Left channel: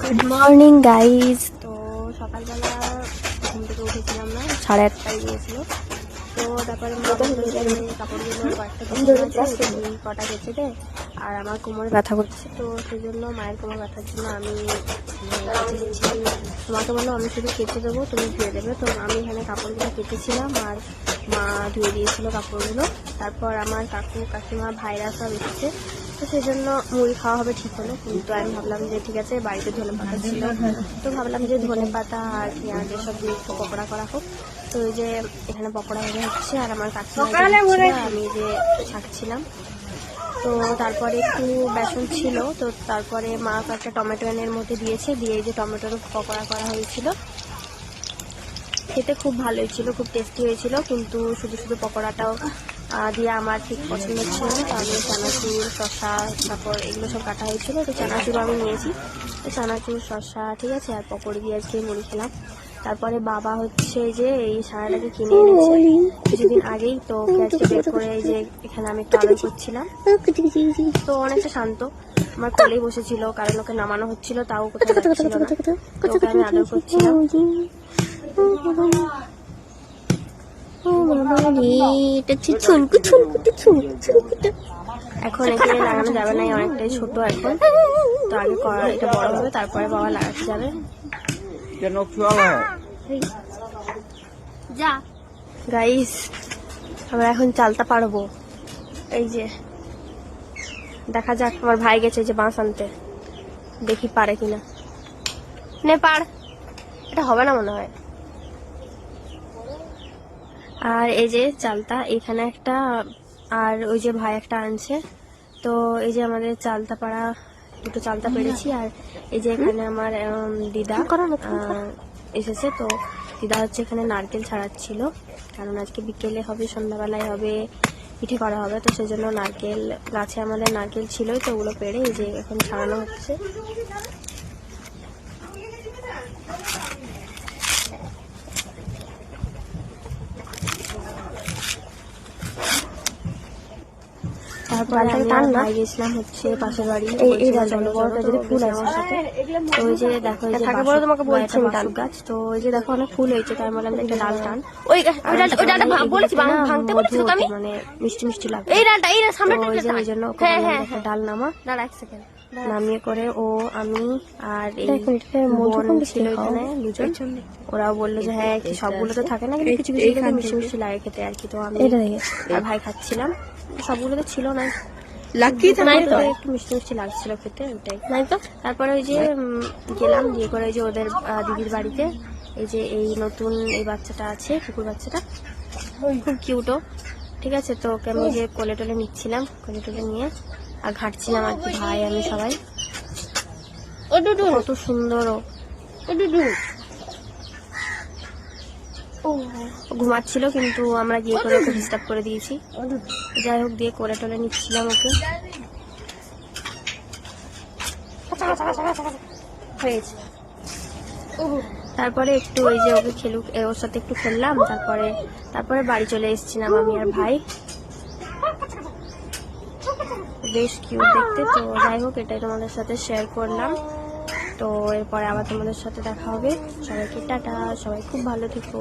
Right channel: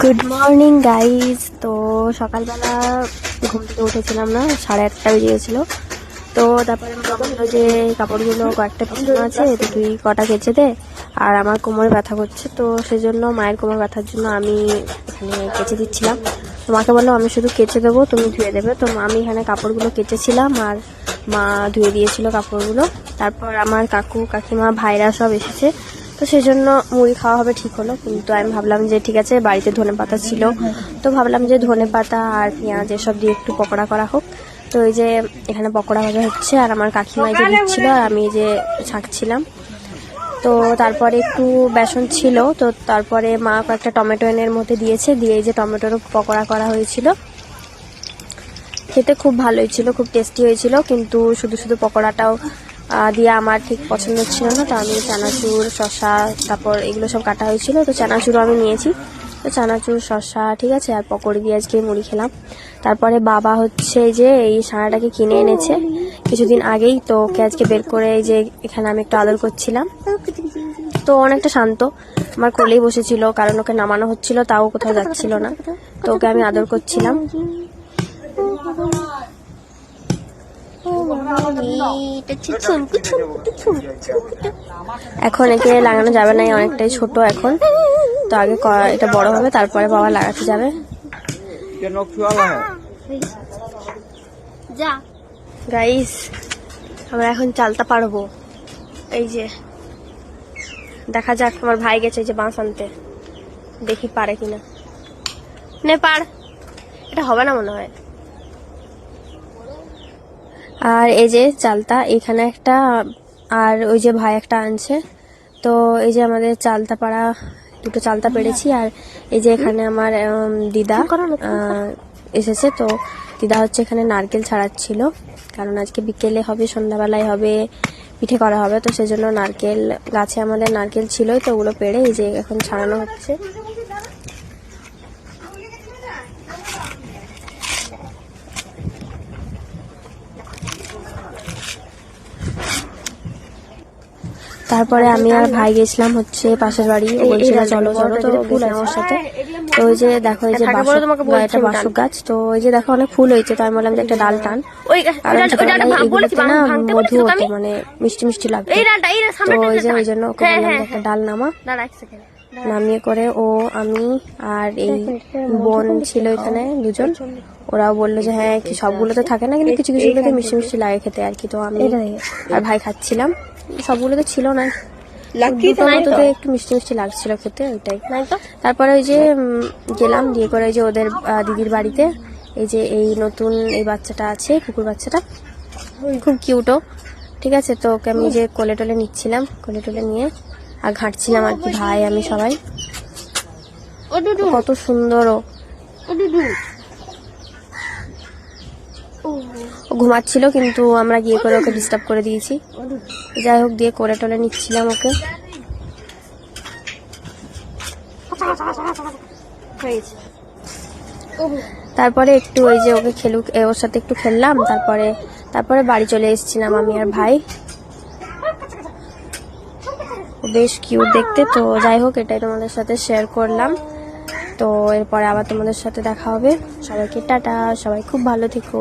Good morning guys. তো সকালবেলা ঘুম থেকে উঠেছিলাম না, 8:30 বেজে গেছিলো। তো তারপরে মা বললো যে কাপড়গুলো কয়েকটা পিছনে আছে, তুই কটা কেচে দে, আর আমার কোমরে ব্যথা করছে। তো সেজন্য মায়ের কোমর ব্যথার জন্য আমি এখানে কেচে দিচ্ছিলাম। তো মাকে বললো আমি শুধু কেচে দেবো, তুমি ধুয়ে দেবে। তো আমি এখানে কাপড়গুলো কেচেছিলাম আর মা ধুয়ে দিয়েছিল কাপড়গুলো। তারপর আমার কাকু কাকিমা ভাইরা সব এসেছে, তো সেই জন্য মুড়ি খাওয়া হবে ঠিক হলো। কিন্তু আমি ভাবলাম যে ঠিক আছে, বাড়িতে ধনেপাতা ছিল, তো ভাবলাম যে ধনেপাতা আর পেঁয়াজ এসব দিয়ে একটু পকোড়া করা হোক। তো এই যে এখানে পকোড়া ভাজা হচ্ছে আর আমার কাকিমা যে দিচ্ছিল আর আমি যে ছাঁকছিলাম। তো তারপরে একটু বেসন ছিল, তো তারপরে মা কয়েকটা টমেটো এনের মধ্যে দিয়েছে, দিয়ে এই যে টমেটোর পকোড়া করা হয়েছিল। খেতে খুব ভালোই ছিল, খুব টেস্টি হয়েছিল, কিন্তু শুধু শুধু পকোড়াটাও দিয়ে আমার ঠিক পছন্দ ছিল না। তো আমি চানাচুর, শসা, তারপর এগুলো সব কাটা হয়েছিল, তো চানাচুরও আমি নিয়েছি। তো চানাচুর, শসা ঠিক আছে, আর পকোড়ি দিয়ে আজকে মুড়ি খেলাম। তারপরে বাবা হচ্ছে যে এই সানাটাকে কিনে এনেছে কিছুদিন আগেই, তো ওকে আজকে বের করে এই যে এখানে আমি একটু আদর করছিলাম। তো অনেকটা শান্ত, আমার কোলেই বসেছিল, কারণ ওকে নামানো হচ্ছিল, তাও কোথাও যাচ্ছিল না। তো ওকে আমি আদর করছিলাম। এখন একে লাগানো যাবে না, অনেকটাই ছোট এখন, তো আগে এটা বড় হবে তারপরে বাবা লাগাতে যাবে। গাইস, আমরা এখন চালতা পারবো। এই যে দেখা যাক, আমার ভাই গেছে এই যে বাঁশ আনতে, দেখি পারে কিনা। নে পার, এটা হবে না মনে হয়। আর এই যে চালতা এখানে একটা, আর ওই যে ভাই একটা আনছে। তো এই যে আমাদের চালতা পাড়া, দুটো চালতা পেরেছি। আর এই যে এখানে আমার দিদা এসেছে। তো দিদা হচ্ছে এখানে নারকেল ছাড়াচ্ছিল, কারণ আজকে বিকেলে হবে, সন্ধ্যাবেলায় হবে, পিঠে করা হবে। তো সেজন্য নারকেল গাছে আমাদের নারকেল ছিলই, তো ওগুলো পেড়ে এই যে এখন ছাড়ানো হচ্ছে। তারপরে আমি আর ভাই গেছিলাম হচ্ছে পাশের বাড়ি, ফুল আছে ওর সাথে। তো ওই যে দেখো এই যে বাসক গাছ, তো ওই যে দেখো অনেক ফুল হয়েছে। তো আমি বললাম যে একটা ডাল টান, মানে মিষ্টি মিষ্টি লাগবে। তো ওই জন্য ওকে বললাম একটা ডাল নামা। নামিয়ে করে ও, আমি আর এই বোন ছিল এখানে দুজন, ওরাও বললো যে হ্যাঁ সবগুলো তো থাকে না, কিন্তু কিছু কিছু তো মিষ্টি মিষ্টি লাগে খেতে আর কি। তো আমি আর ভাই খাচ্ছিলাম, সবগুলো তো ছিল না, একটু মিষ্টি মিষ্টি লাগছিল খেতে, ওইটাই। তারপরে ওই যে গেলাম, দিয়ে করে ওই যে ওদের দিদির বাড়িতে এই যে এই নতুন এই বাচ্চাটা আছে, কুকুর বাচ্চাটা খুব কিউটও ঠিক আছে। তো ওকে আমি যে কোলে টোলে নিচ্ছিলাম, কোলে টোলে নিয়ে আর ঘাঁটছিলাম আর কি, ভাই আমি সবাই। কত সুন্দর ও ঘুমাচ্ছিল, কিন্তু আমরা গিয়ে করে ওকে ডিস্টার্ব করে দিয়েছি। যাই হোক, দিয়ে কোলে টোলে নিচ্ছিলাম ওকে। তারপরে একটু ওই যে ওকে খেলুক, ওর সাথে একটু খেললাম। তারপরে বাড়ি চলে এসেছিলাম আমি আর ভাই। বেশ কিউট দেখতে। তো যাই হোক, এটাই তোমাদের সাথে শেয়ার করলাম। তো এরপরে আবার তোমাদের সাথে দেখা হবে। সবাইকে টাটা, সবাই খুব ভালো থেকো।